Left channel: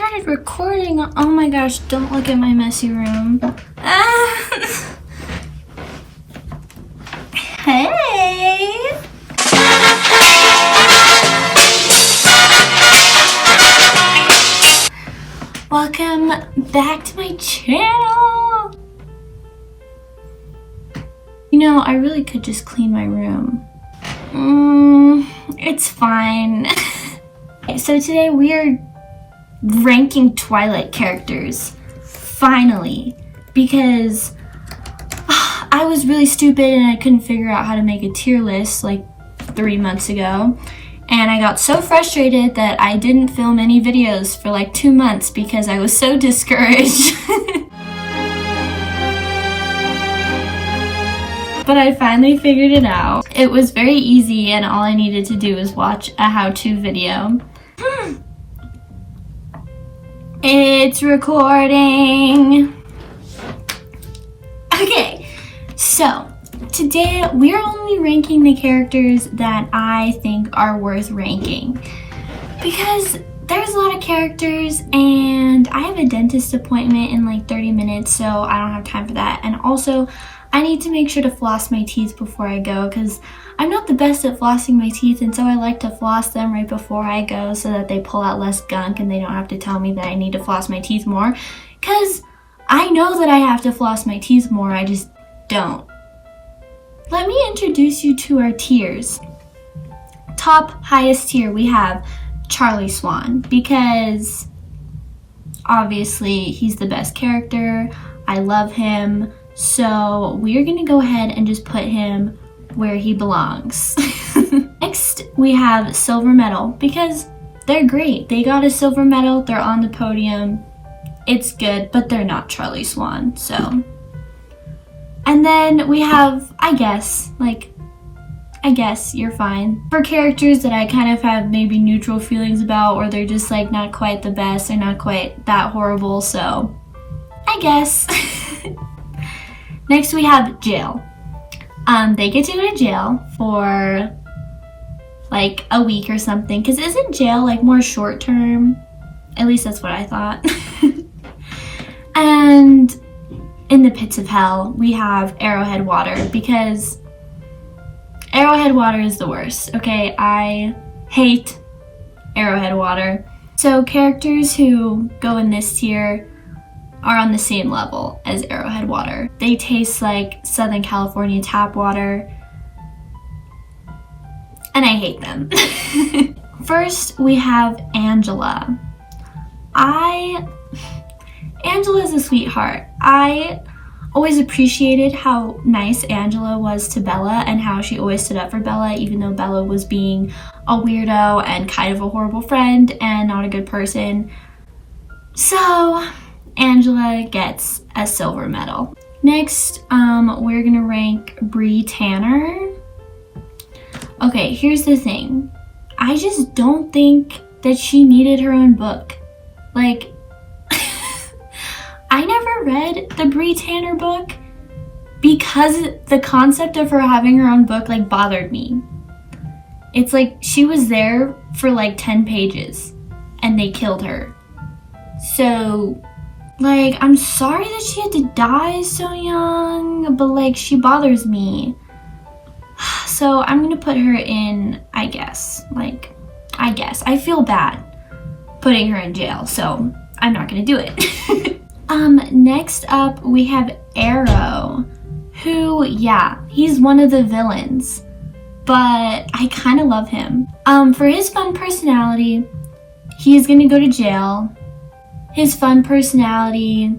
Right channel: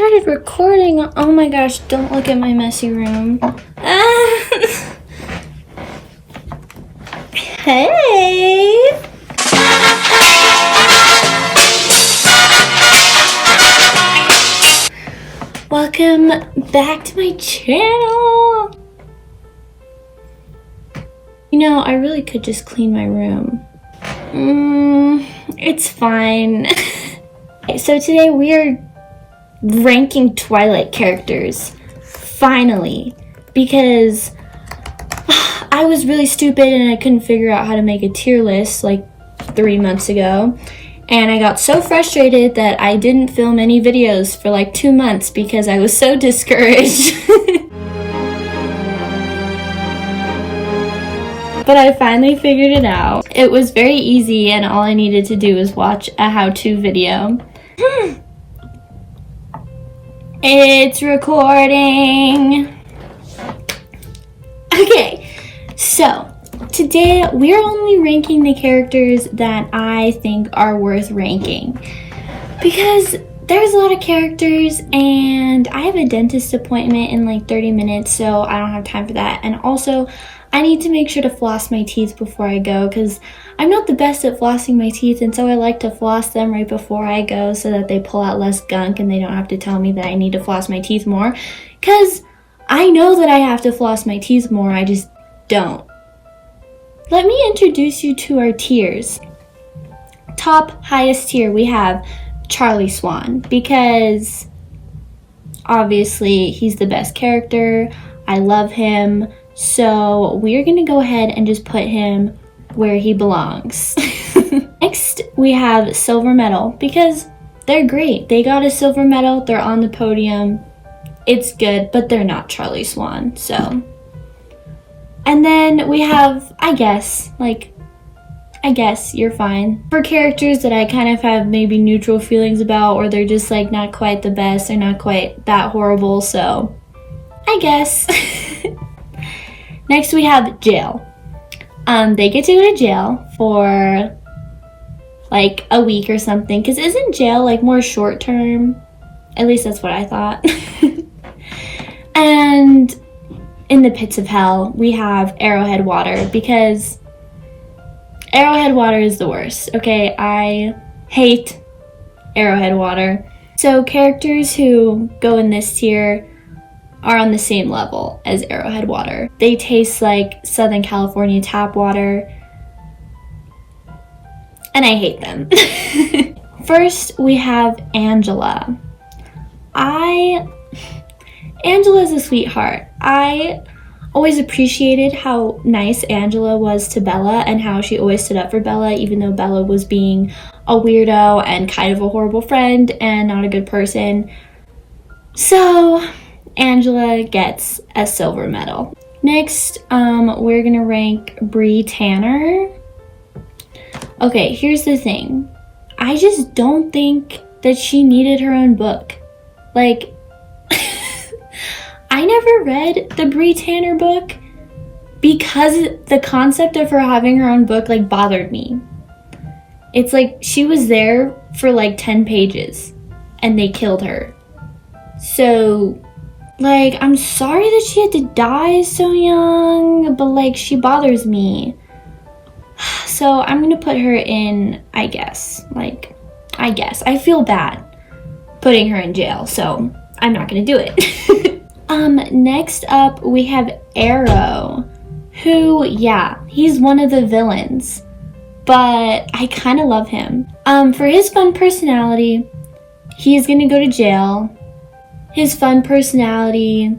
started recording. Oh my gosh, don't look at my messy room. Hey! Welcome back to my channel. You know, I really could just clean my room. It's fine. So today we are ranking Twilight characters, finally, because I was really stupid and I couldn't figure out how to make a tier list like 3 months ago, and I got so frustrated that I didn't film any videos for like 2 months because I was so discouraged. But I finally figured it out. It was very easy and all I needed to do was watch a how-to video. It's recording. Okay, so today we're only ranking the characters that I think are worth ranking, because there's a lot of characters and I have a dentist appointment in like 30 minutes, so I don't have time for that. And also I need to make sure to floss my teeth before I go, because I'm not the best at flossing my teeth, and so I like to floss them right before I go so that they pull out less gunk and they don't have to tell me that I need to floss my teeth more, because I know that I have to floss my teeth more, I just don't. Let me introduce you to our tiers. Top highest tier, we have Charlie Swan, because obviously he's the best character. I love him. So we're gonna go ahead and just put him where he belongs. Next, we have silver medal, because they're great. They got a silver medal, they're on the podium. It's good, but they're not Charlie Swan, so. And then we have, I guess you're fine. For characters that I kind of have maybe neutral feelings about, or they're just like not quite the best, they're not quite that horrible, so I guess. Next we have jail. They get to go to jail for like a week or something, because isn't jail like more short term? At least that's what I thought. And in the pits of hell, we have Arrowhead Water, because Arrowhead Water is the worst, okay? I hate Arrowhead Water. So characters who go in this tier are on the same level as Arrowhead Water. They taste like Southern California tap water, and I hate them. First, we have Angela. Angela's a sweetheart. I always appreciated how nice Angela was to Bella and how she always stood up for Bella, even though Bella was being a weirdo and kind of a horrible friend and not a good person. So Angela gets a silver medal. Next, we're gonna rank Bree Tanner. Okay, here's the thing. I just don't think that she needed her own book. Like, I never read the Bree Tanner book because the concept of her having her own book like bothered me. It's like she was there for like 10 pages and they killed her. So, like, I'm sorry that she had to die so young, but like, she bothers me. So I'm gonna put her in, I guess. I feel bad putting her in jail, so I'm not gonna do it. Next up we have Arrow, who, yeah, he's one of the villains, but I kind of love him. For his fun personality, he's gonna go to jail. His fun personality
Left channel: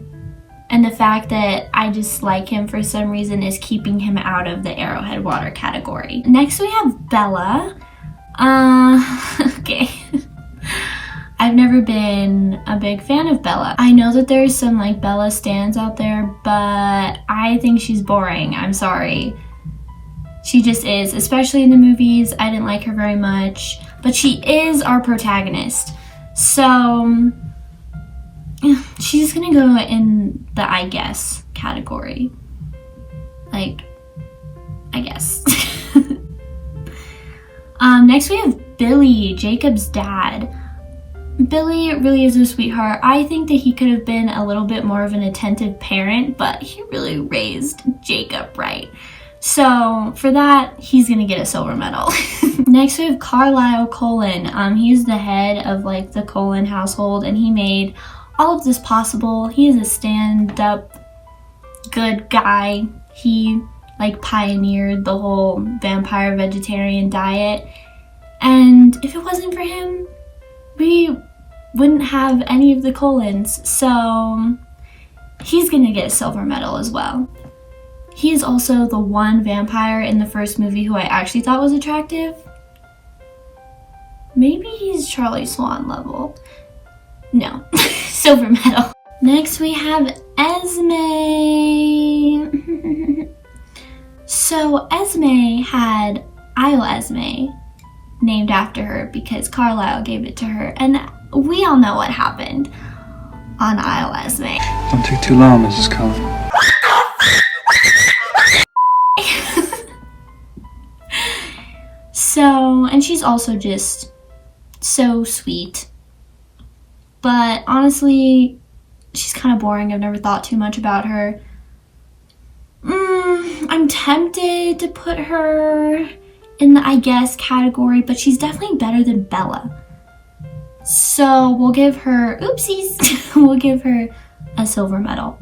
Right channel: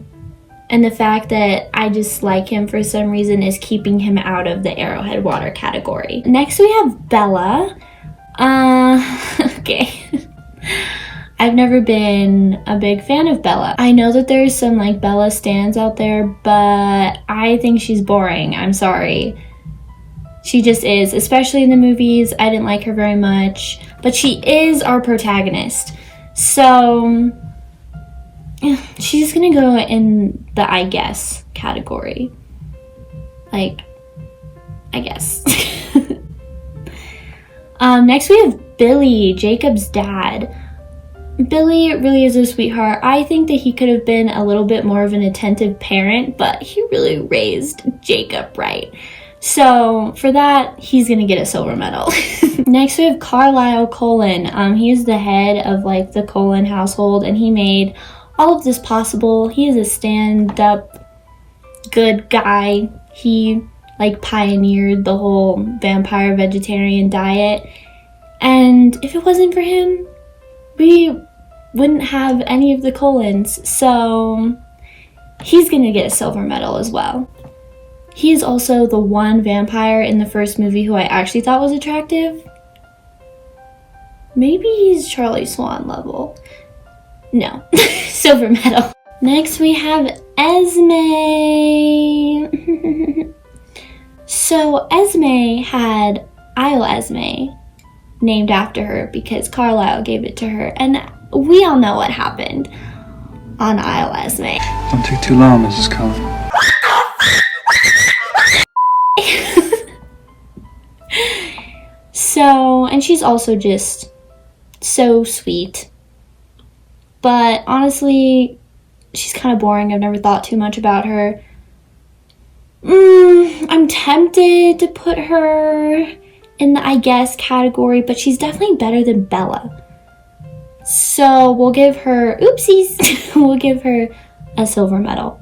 and the fact that I just like him for some reason is keeping him out of the Arrowhead Water category. Next we have Bella. Okay. I've never been a big fan of Bella. I know that there's some like Bella stans out there, but I think she's boring. I'm sorry. She just is, especially in the movies. I didn't like her very much, but she is our protagonist. So she's gonna go in the I guess category. Like, I guess. Next we have Billy, Jacob's dad. Billy really is a sweetheart. I think that he could have been a little bit more of an attentive parent, but he really raised Jacob right. So for that, he's gonna get a silver medal. Next we have Carlisle Cullen. He's the head of like the Cullen household, and he made all of this possible. He is a stand-up good guy. He like pioneered the whole vampire vegetarian diet, and if it wasn't for him, we wouldn't have any of the Cullens. So he's gonna get a silver medal as well. He is also the one vampire in the first movie who I actually thought was attractive. Maybe he's Charlie Swan level. No, silver medal. Next we have Esme. So Esme had Isle Esme named after her because Carlisle gave it to her, and we all know what happened on Isle Esme. Don't take too long, Mrs. Cullen. So, and she's also just so sweet. But honestly, she's kind of boring. I've never thought too much about her. I'm tempted to put her in the I guess category, but she's definitely better than Bella. So we'll give her, oopsies, we'll give her a silver medal.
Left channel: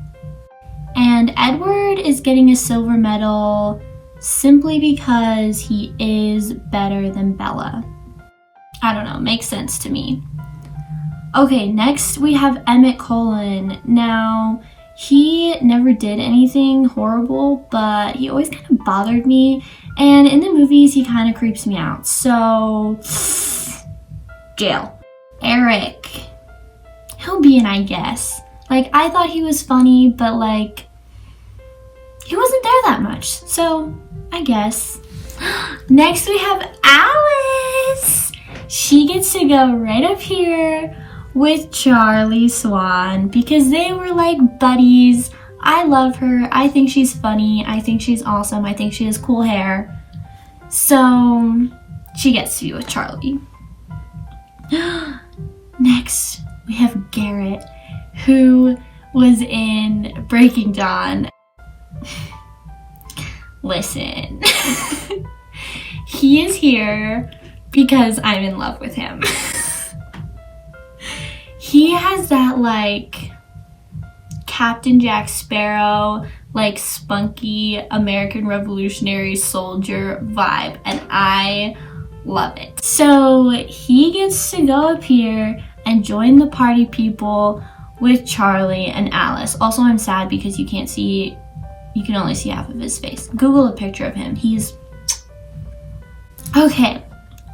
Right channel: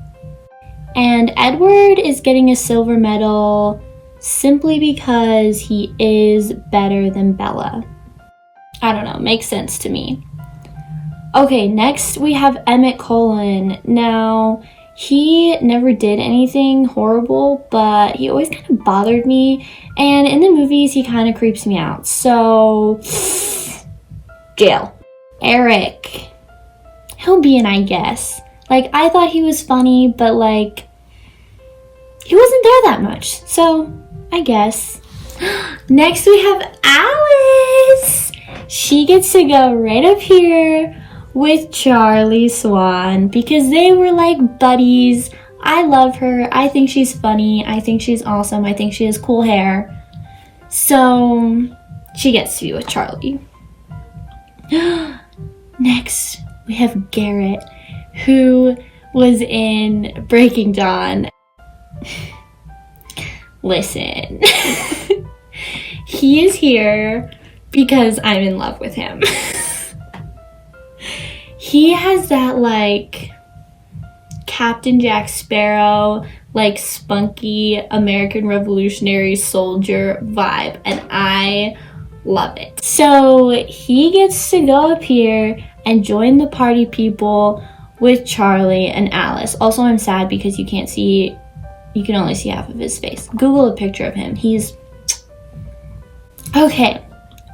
And Edward is getting a silver medal simply because he is better than Bella. I don't know, makes sense to me. Okay, next we have Emmett Cullen. Now, he never did anything horrible, but he always kind of bothered me, and in the movies he kind of creeps me out. So, jail. Eric. He'll be an I guess. Like, I thought he was funny, but like, he wasn't there that much, so I guess. Next we have Alice. She gets to go right up here with Charlie Swan because they were like buddies. I love her. I think she's funny. I think she's awesome. I think she has cool hair. So she gets to be with Charlie. Next we have Garrett, who was in Breaking Dawn. Listen, he is here because I'm in love with him. He has that like Captain Jack Sparrow, like spunky American Revolutionary soldier vibe, and I love it. So he gets to go up here and join the party people with Charlie and Alice. Also, I'm sad because you can only see half of his face. Google a picture of him. He's okay.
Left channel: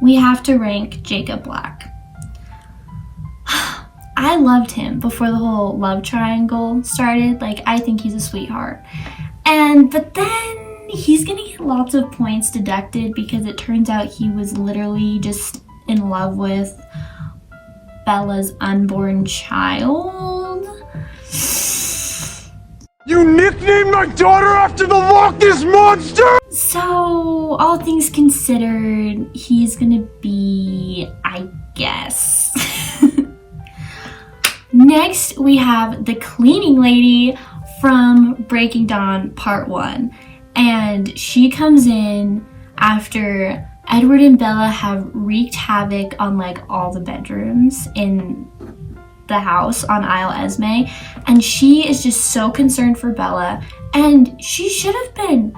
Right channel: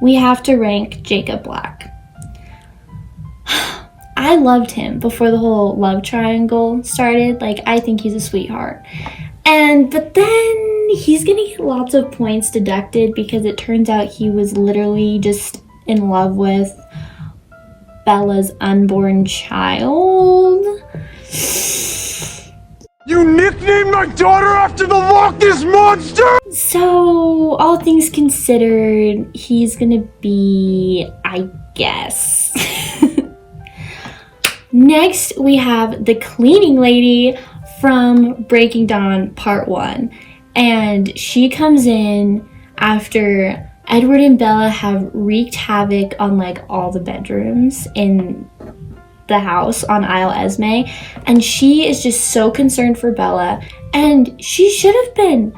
We have to rank Jacob Black. I loved him before the whole love triangle started. Like, I think he's a sweetheart. But then he's gonna get lots of points deducted because it turns out he was literally just in love with Bella's unborn child. You nicknamed my daughter after the Loch Ness Monster?! So, all things considered, he's gonna be, I guess. Next, we have the cleaning lady from Breaking Dawn Part 1. And she comes in after Edward and Bella have wreaked havoc on like all the bedrooms in the house on Isle Esme, and she is just so concerned for Bella, and she should have been.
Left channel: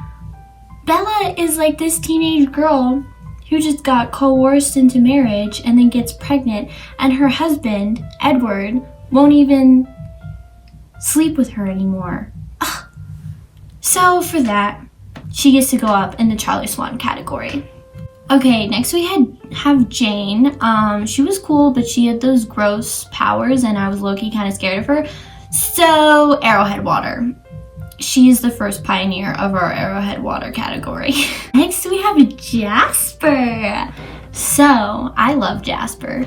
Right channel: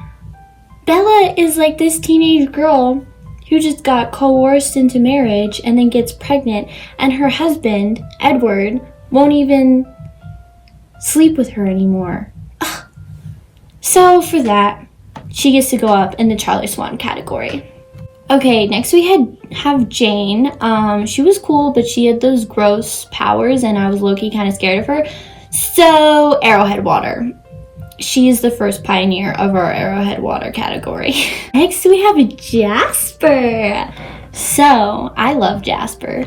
Bella is like this teenage girl who just got coerced into marriage and then gets pregnant, and her husband, Edward, won't even sleep with her anymore. Ugh. So for that, she gets to go up in the Charlie Swan category. Okay, next we have Jane. She was cool, but she had those gross powers, and I was low-key kind of scared of her. So, Arrowhead Water. She's the first pioneer of our Arrowhead Water category. Next we have Jasper. So, I love Jasper.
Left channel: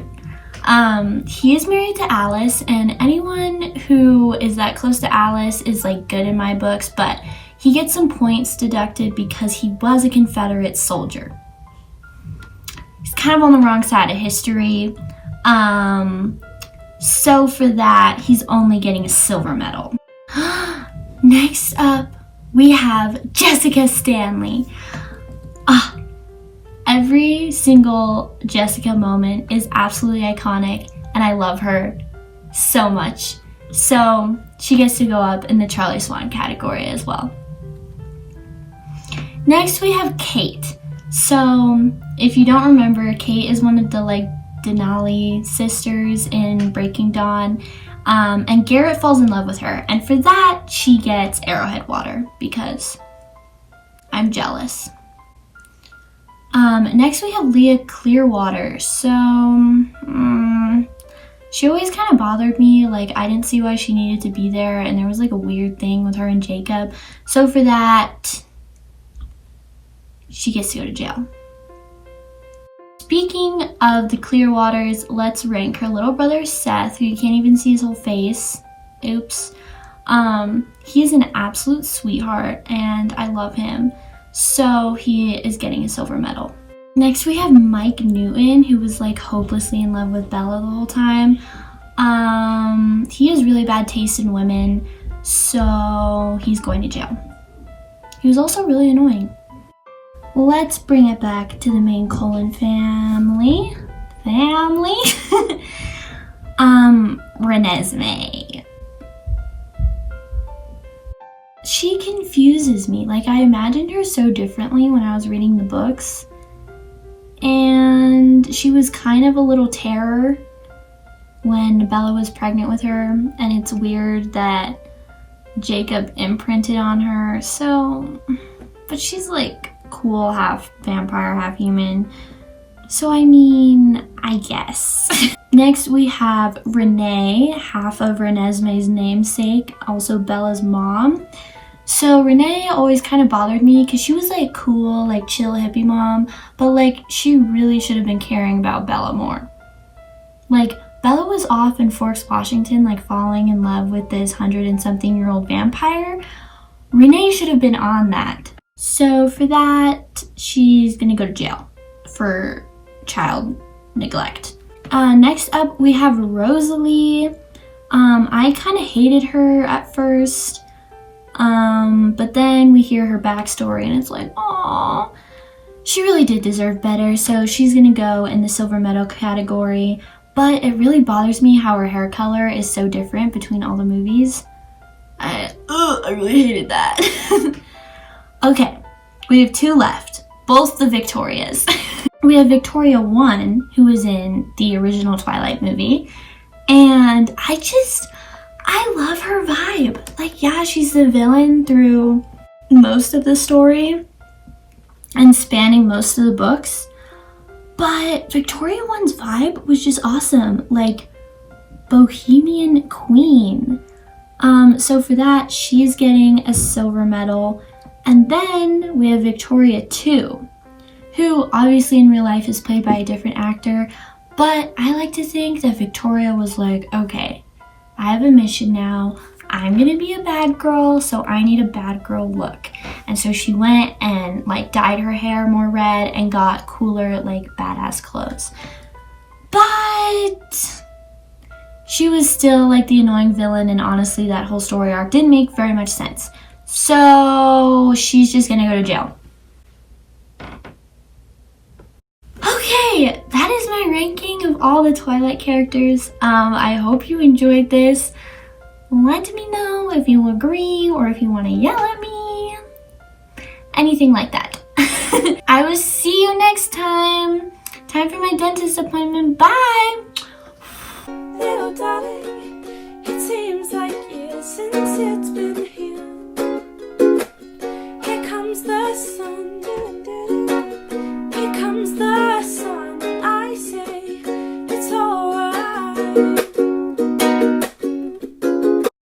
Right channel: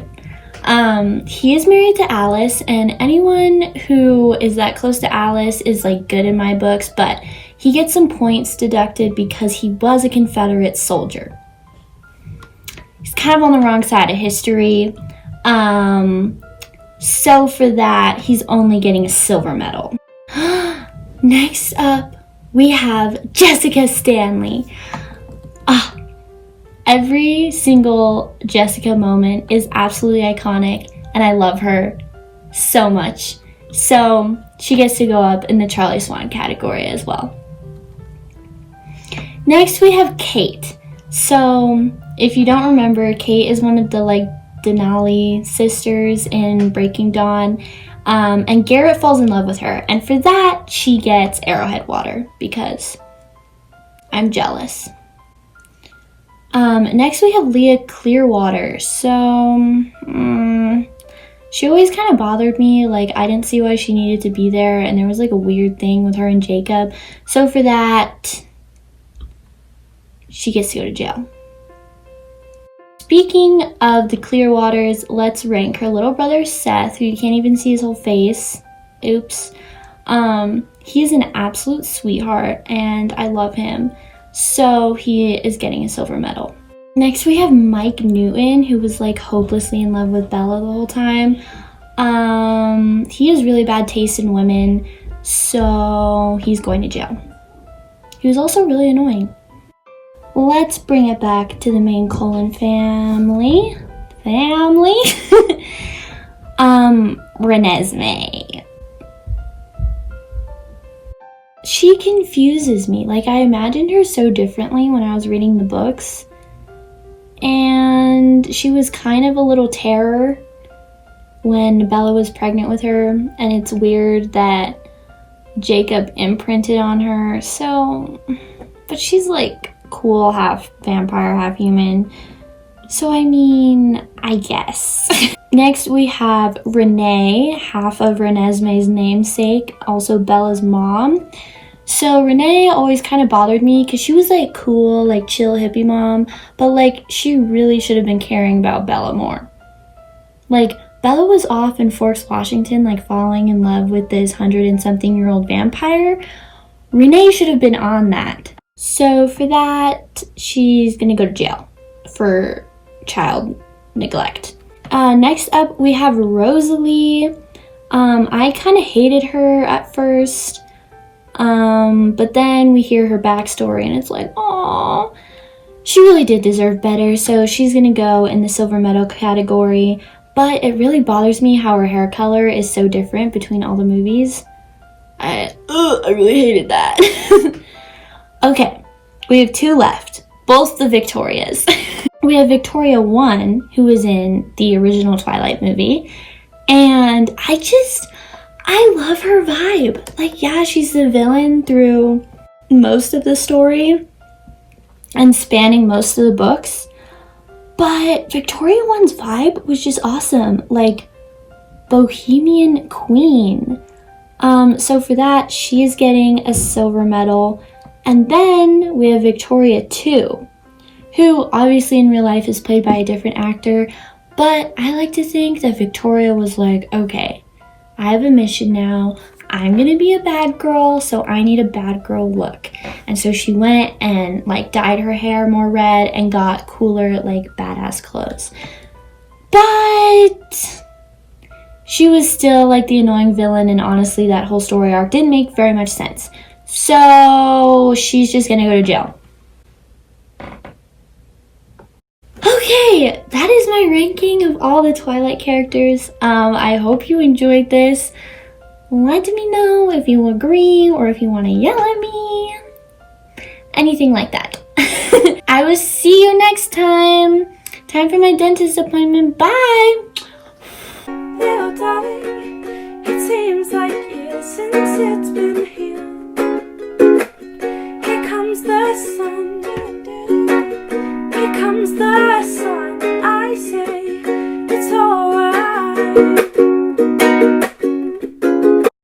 He is married to Alice, and anyone who is that close to Alice is like good in my books, but he gets some points deducted because he was a Confederate soldier. He's kind of on the wrong side of history. So for that, he's only getting a silver medal. Next up, we have Jessica Stanley. Every single Jessica moment is absolutely iconic, and I love her so much. So she gets to go up in the Charlie Swan category as well. Next, we have Kate. So if you don't remember, Kate is one of the Denali sisters in Breaking Dawn. And Garrett falls in love with her. And for that, she gets Arrowhead water because I'm jealous. Next, we have Leah Clearwater. So, she always kind of bothered me. I didn't see why she needed to be there. And there was a weird thing with her and Jacob. So for that, she gets to go to jail. Speaking of the Clearwaters, let's rank her little brother Seth, who you can't even see his whole face. Oops. He is an absolute sweetheart, and I love him. So he is getting a silver medal. Next, we have Mike Newton, who was hopelessly in love with Bella the whole time. He has really bad taste in women, so he's going to jail. He was also really annoying. Let's bring it back to the main Cullen family. Renesmee. She confuses me. I imagined her so differently when I was reading the books. And she was kind of a little terror when Bella was pregnant with her. And it's weird that Jacob imprinted on her. So, but she's cool, half vampire, half human. So I mean, I guess. Next we have Renee, half of Renesmee's namesake, also Bella's mom. So Renee always kind of bothered me because she was cool, chill hippie mom, but she really should have been caring about Bella more. Bella was off in Forks, Washington, falling in love with this 100-and-something-year-old vampire. Renee should have been on that. So for that, she's gonna go to jail for child neglect. Next up, we have Rosalie. I kind of hated her at first, but then we hear her backstory and it's aww, she really did deserve better. So she's gonna go in the silver medal category, but it really bothers me how her hair color is so different between all the movies. I really hated that. Okay, we have two left, both the Victorias. We have Victoria 1, who was in the original Twilight movie, and I love her vibe. Yeah, she's the villain through most of the story and spanning most of the books, but Victoria 1's vibe was just awesome, Bohemian Queen. So for that, she is getting a silver medal. And then we have Victoria 2, who obviously in real life is played by a different actor, but I like to think that Victoria was okay, I have a mission now. I'm gonna be a bad girl, so I need a bad girl look. And so she went and dyed her hair more red and got cooler, badass clothes. But she was still the annoying villain, and honestly that whole story arc didn't make very much sense. So she's just gonna go to jail. Okay, that is my ranking of all the Twilight characters. I hope you enjoyed this. Let me know if you agree or if you want to yell at me. Anything like that. I will see you next time. Time for my dentist appointment. Bye! Little darling, it seems like years since it's been here. Here comes the sun, here comes the sun. I say it's alright.